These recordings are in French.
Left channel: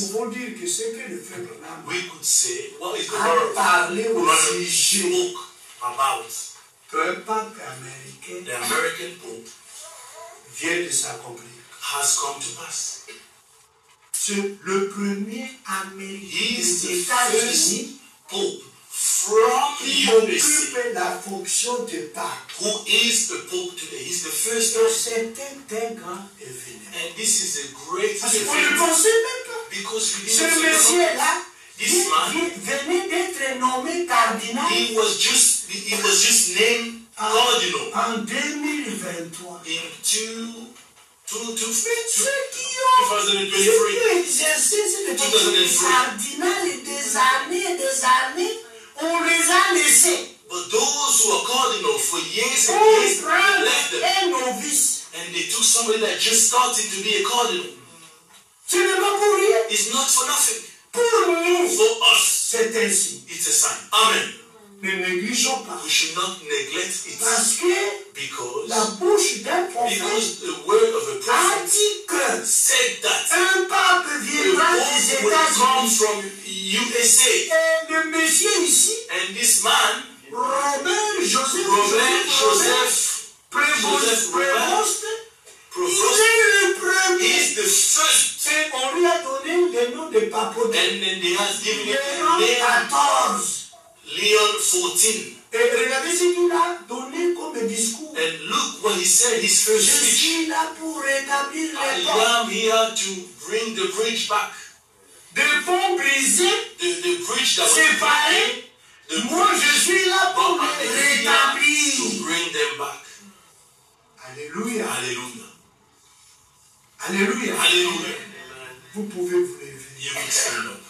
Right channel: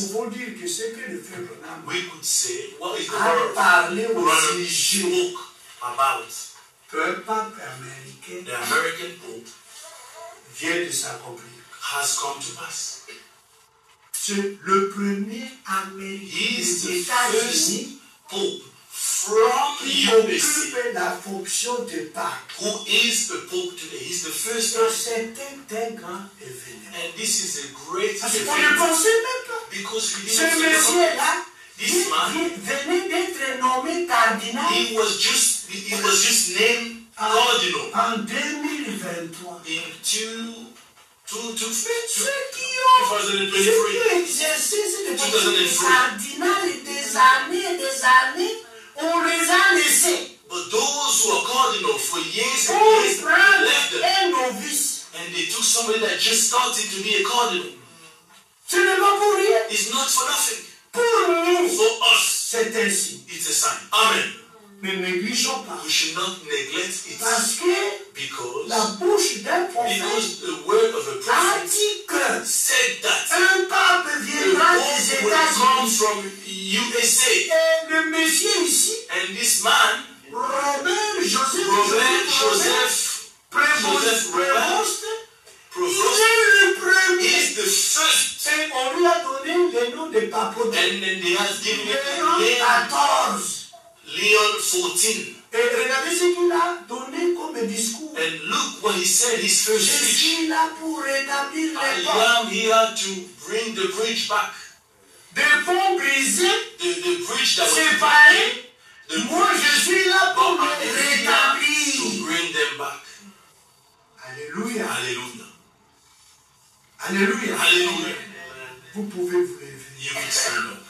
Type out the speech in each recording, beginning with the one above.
pouvons dire que c'est que le frère Branham we could say, what is the a word parlé au Branham sujet spoke about qu'un pape américain the American Pope vient de s'accomplir. has come to pass. C'est le premier He Américain is des the first États-Unis Pope from qui USA occupe la fonction de pape. who is the Pope today. He's the first Et one. c'est un grand événement. And this is a great Parce qu'on ne event pensait même pas. because we Ce didn't think about monsieur-là this man. venait d'être nommé cardinal He was just named cardinal en 2023. in Ceux qui ont exercé cette fonction de cardinal et des années, on les a laissés. But those who are cardinal for years and On years, prend they left them. un novice. And they took somebody that just started to be a cardinal. Ce n'est pas pour rien. It's not for nothing. Pour nous, For us, c'est ainsi. it's a sign. Amen. Ne négligeons pas. We should not neglect it Parce que because la bouche d'un prophète the word of a a prophet dit que said that un pape the viendra des Pope will come États-Unis. from USA. Et le monsieur ici, And this man, Robert Joseph Joseph Prévost, il Provost, est le premier. is the first. Et on lui a donné le nom de papauté. And then they have given him Léon Leon 14. 14. Et regardez ce qu'il a donné comme discours. And look what he said, his Je first speech. suis là pour rétablir I les ponts. am here to bring the bridge back. Des ponts brisés, The bridge that was séparés. the Moi, je suis là pour but les I'm here to rétablir. bring them back. Alléluia. Hallelujah. Alléluia. Hallelujah. Vous pouvez vous lever. You can stand up.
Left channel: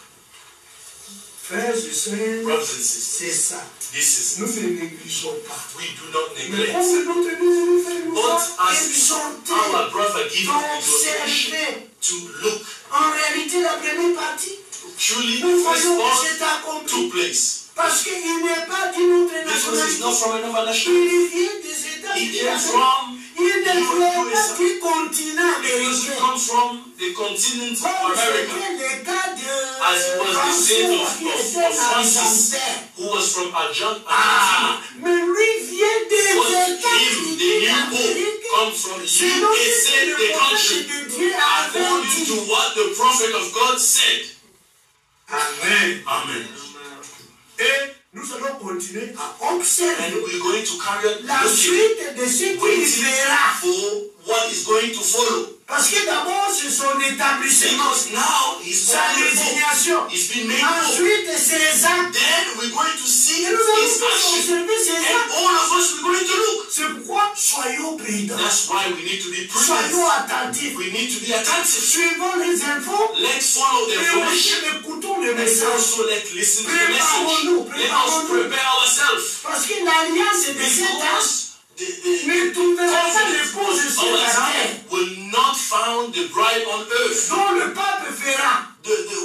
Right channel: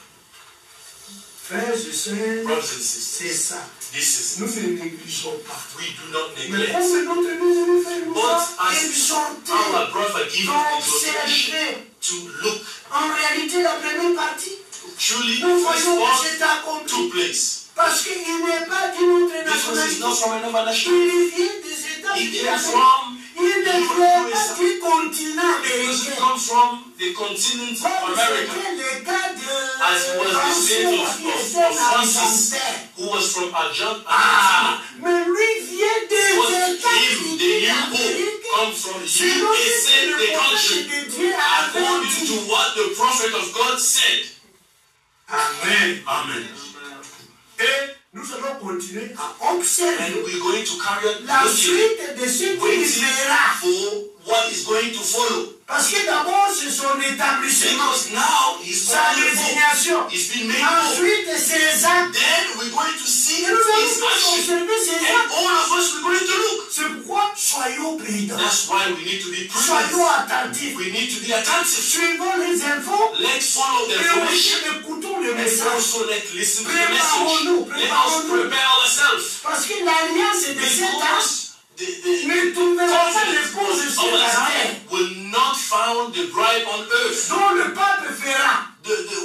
Frères et sœurs, Brothers and sisters, c'est ça. this is Nous ne négligeons pas. we do not Mais neglect. comme notre bien-aimé frère nous But a as exhorté our brother gives us d'observer to look en réalité la première partie, truly nous the first voyons que part c'est accompli. took place. Parce qu'il n'est pas d'une autre Because he's not nationalité. from another nation. Il vient des He États-Unis. came from Il ne vient pas USA. du continent He américain. comes from the continent of Comme America. c'était le cas de As was the state qui of était Francis, l'Argentin. who was from Argentina. Mais lui vient des But him, États-Unis the new d'Amérique. pope, comes from Selon ce USA, que le the prophète country, de Dieu avait according to dit. what the prophet of God said. Amen. Amen. Et nous allons continuer à observer And we're going to carry on la looking, suite de ce qu'il waiting verra. for what is going to follow. Parce que d'abord, c'est son établissement, Because now he's sa becoming pope. désignation. He's been made pope. Ensuite, ses actes. Then we're going to see Et nous his allons tous action. observer ses And actes. all of us, we're going to look. C'est pourquoi soyons prudents. That's why we need to be Soyons prudent. attentifs. We need to be attentive. Suivons les infos. Let's follow the Et aussi information. écoutons le And message. also let's listen to the Préparons-nous, message. Let us prepare ourselves. Parce que l'alliance de cet âge Because ne trouvera pas covenant l'épouse of sur our la terre. time will not found the bride on earth. Dont le pape fera.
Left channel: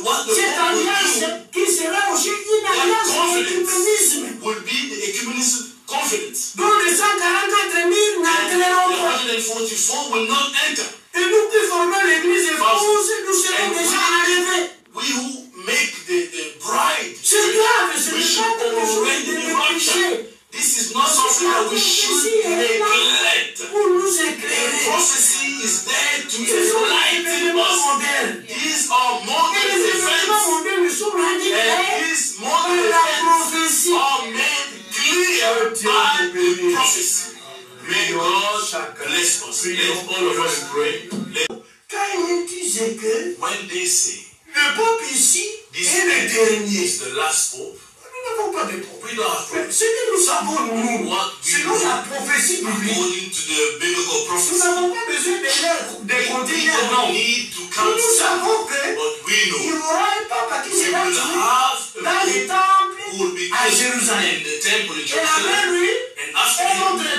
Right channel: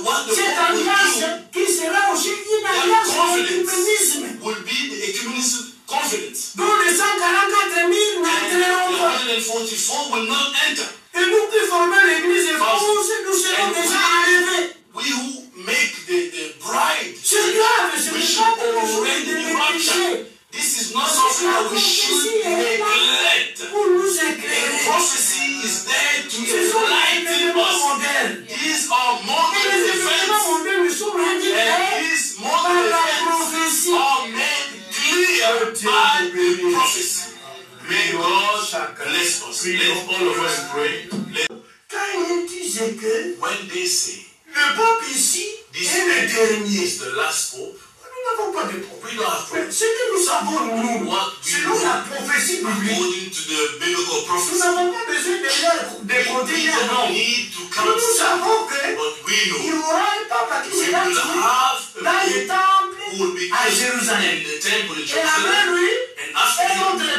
What the Cette Pope will alliance qui sera aussi une That alliance confidence. d'écuménisme. do will be the ecumenism confidence. Dont les 144 000 And n'entreront the pas. 144 will not enter. Et nous qui formons l'église épouse, nous serons And déjà arrivés. we who make the bride, C'est grave, ce we n'est should pas quelque chose already de be raptured. négliger. This is not something that we should neglect. Pour nous The éclairer. prophecy is there to Ce sont les enlighten événements us. modernes. These are Et modern les événements events, modernes sont rendus and clairs these par modern la events prophétie. are made clear by prophecy. May God bless us. Let all of us pray. Quand ils disent que When they say le pape ici this est le dernier, is the last pope, nous n'avons pas de problème. we don't have Mais problems. ce que nous savons, nous, What we selon la know, prophétie biblique, according to the biblical nous prophecy, n'avons pas besoin de we continuer, don't non. need to Nous count, savons que but we il y know aura un pape qui we sera will tué have dans a le pope temple who will be à killed Jérusalem. in the temple in Et après Jerusalem, lui, and after un him, autre